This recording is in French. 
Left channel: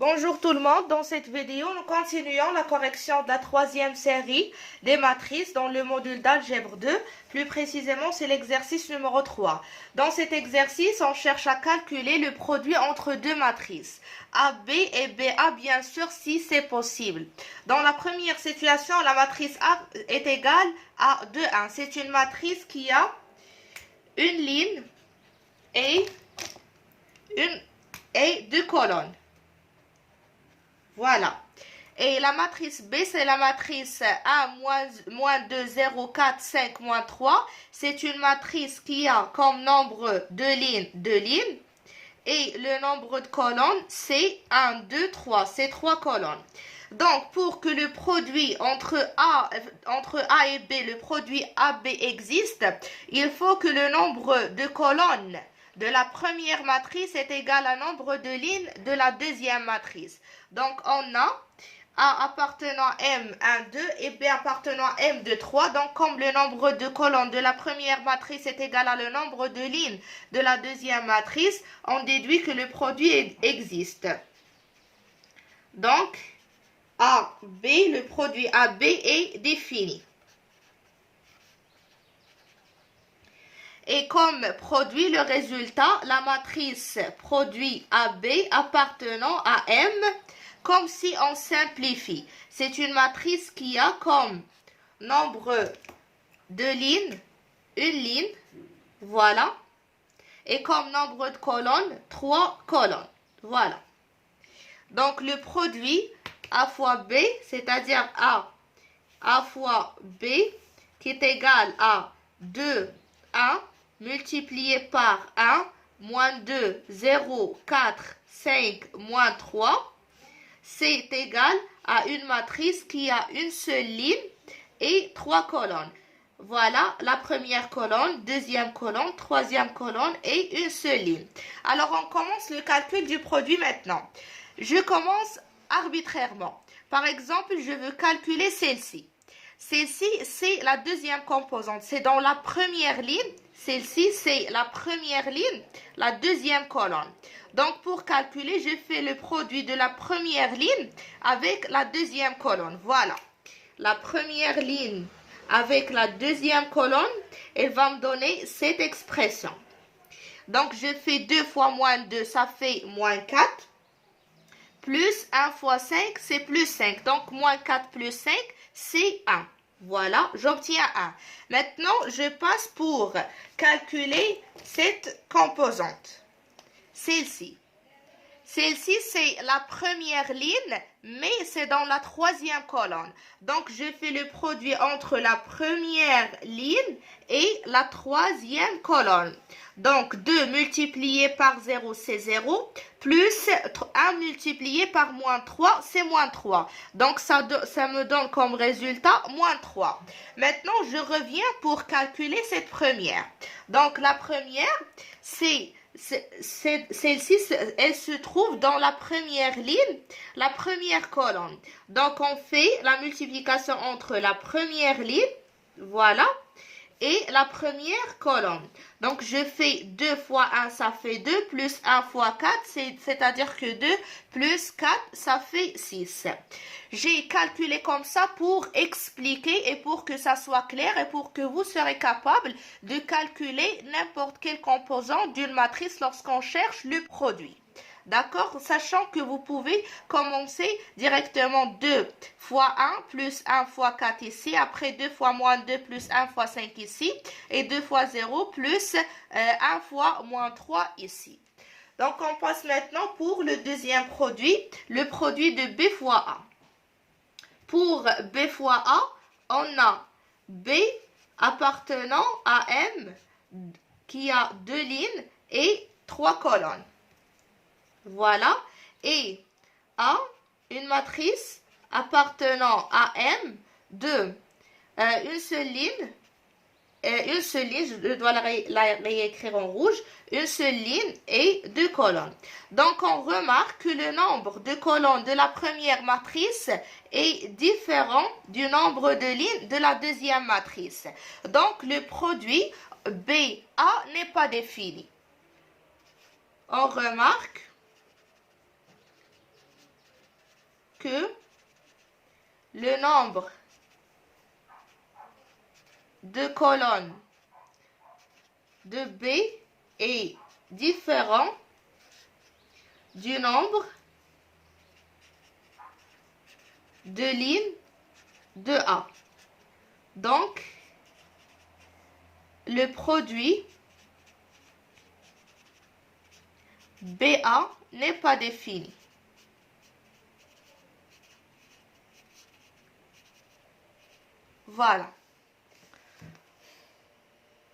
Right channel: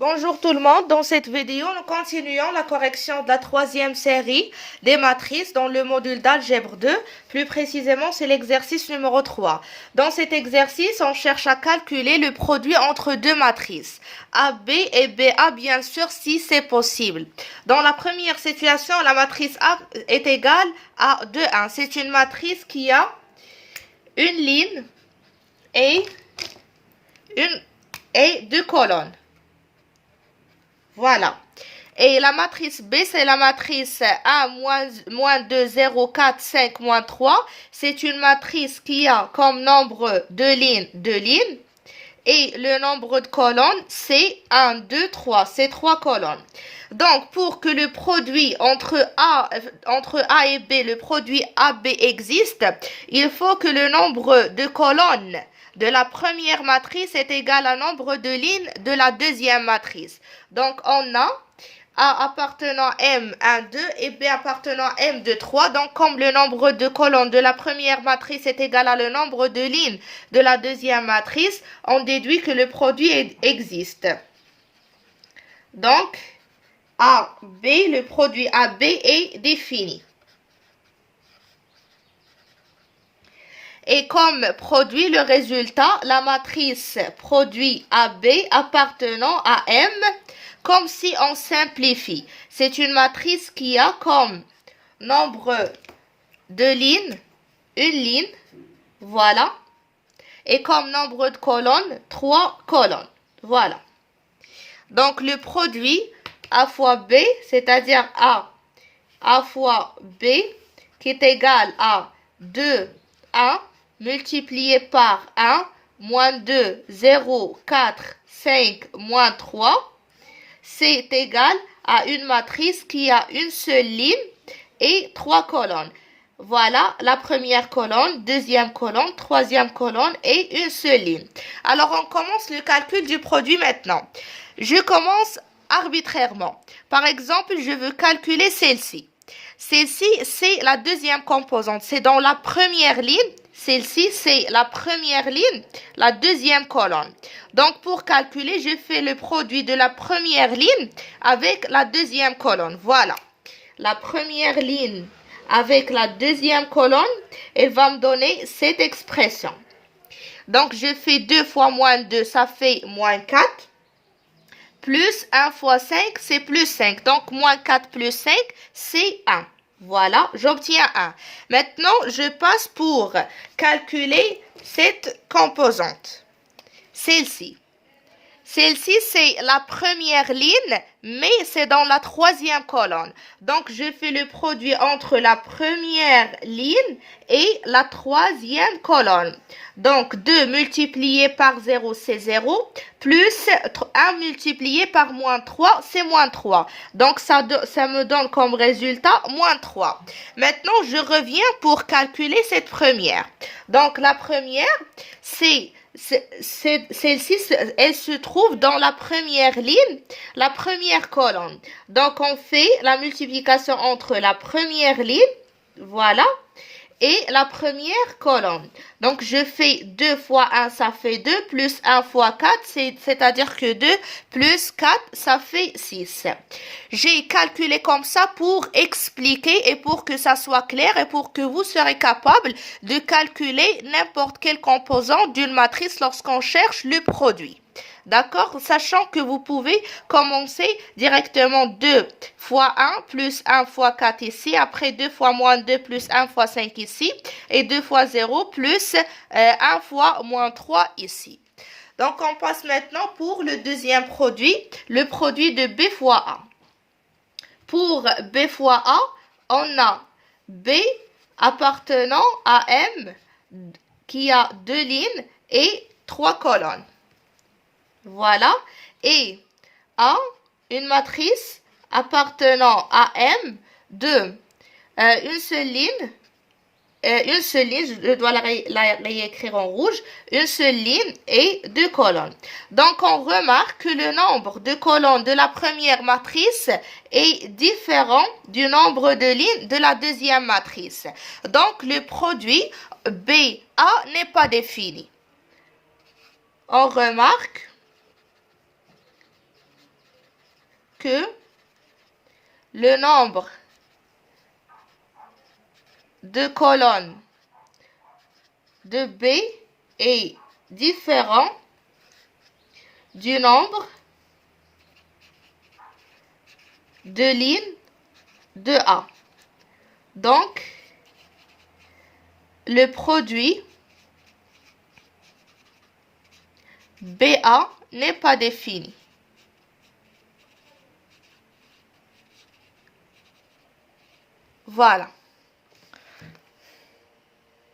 Bonjour tout le monde, dans cette vidéo, nous continuons la correction de la troisième série des matrices dans le module d'algèbre 2. Plus précisément, c'est l'exercice numéro 3. Dans cet exercice, on cherche à calculer le produit entre deux matrices, AB et BA, bien sûr, si c'est possible. Dans la première situation, la matrice A est égale à 2, 1. C'est une matrice qui a une ligne et deux colonnes. Voilà. Et la matrice B, c'est la matrice 1, moins 2, 0, 4, 5, moins 3. C'est une matrice qui a comme nombre de lignes. Et le nombre de colonnes, c'est 1, 2, 3. C'est 3 colonnes. Donc, pour que le produit entre A et B, le produit AB existe, il faut que le nombre de colonnes de la première matrice est égal au nombre de lignes de la deuxième matrice. Donc, on a A appartenant M1, 2 et B appartenant M2, 3. Donc, comme le nombre de colonnes de la première matrice est égal à le nombre de lignes de la deuxième matrice, on déduit que le produit existe. Donc, AB, le produit AB est défini. Et comme produit le résultat, la matrice produit AB appartenant à M, comme si on simplifie. C'est une matrice qui a comme nombre de lignes, une ligne, voilà. Et comme nombre de colonnes, 3 colonnes, voilà. Donc le produit A fois B, c'est-à-dire A fois B, qui est égal à 2, 1, multiplié par 1, moins 2, 0, 4, 5, moins 3, c'est égal à une matrice qui a une seule ligne et 3 colonnes. Voilà la première colonne, deuxième colonne, troisième colonne et une seule ligne. Alors, on commence le calcul du produit maintenant. Je commence arbitrairement. Par exemple, je veux calculer celle-ci. Celle-ci, c'est la deuxième composante. C'est dans la première ligne. Celle-ci, c'est la première ligne, la deuxième colonne. Donc, pour calculer, je fais le produit de la première ligne avec la deuxième colonne. Voilà. La première ligne avec la deuxième colonne, elle va me donner cette expression. Donc, je fais 2 fois moins 2, ça fait moins 4. Plus 1 fois 5, c'est plus 5. Donc, moins 4 plus 5, c'est 1. Voilà, j'obtiens 1. Maintenant, je passe pour calculer cette composante. Celle-ci. Celle-ci, c'est la première ligne, mais c'est dans la troisième colonne. Donc, je fais le produit entre la première ligne et la troisième colonne. Donc, 2 multiplié par 0, c'est 0, plus 1 multiplié par moins 3, c'est moins 3. Donc, ça me donne comme résultat moins 3. Maintenant, je reviens pour calculer cette première. Donc, la première, celle-ci, elle se trouve dans la première ligne, la première colonne. Donc, on fait la multiplication entre la première ligne, voilà, et la première colonne. Donc, je fais 2 fois 1, ça fait 2, plus 1 fois 4, c'est-à-dire que 2 plus 4, ça fait 6. J'ai calculé comme ça pour expliquer et pour que ça soit clair et pour que vous serez capable de calculer n'importe quel composant d'une matrice lorsqu'on cherche le produit. D'accord? Sachant que vous pouvez commencer directement 2 fois 1 plus 1 fois 4 ici, après 2 fois moins 2 plus 1 fois 5 ici, et 2 fois 0 plus 1 fois moins 3 ici. Donc, on passe maintenant pour le deuxième produit, le produit de B fois A. Pour B fois A, on a B appartenant à M qui a 2 lignes et 3 colonnes. Voilà. Et A, une matrice appartenant à M de une seule ligne, je dois la réécrire en rouge, une seule ligne et 2 colonnes. Donc, on remarque que le nombre de colonnes de la première matrice est différent du nombre de lignes de la deuxième matrice. Donc, le produit BA n'est pas défini. On remarque que le nombre de colonnes de B est différent du nombre de lignes de A. Donc, le produit BA n'est pas défini. Voilà.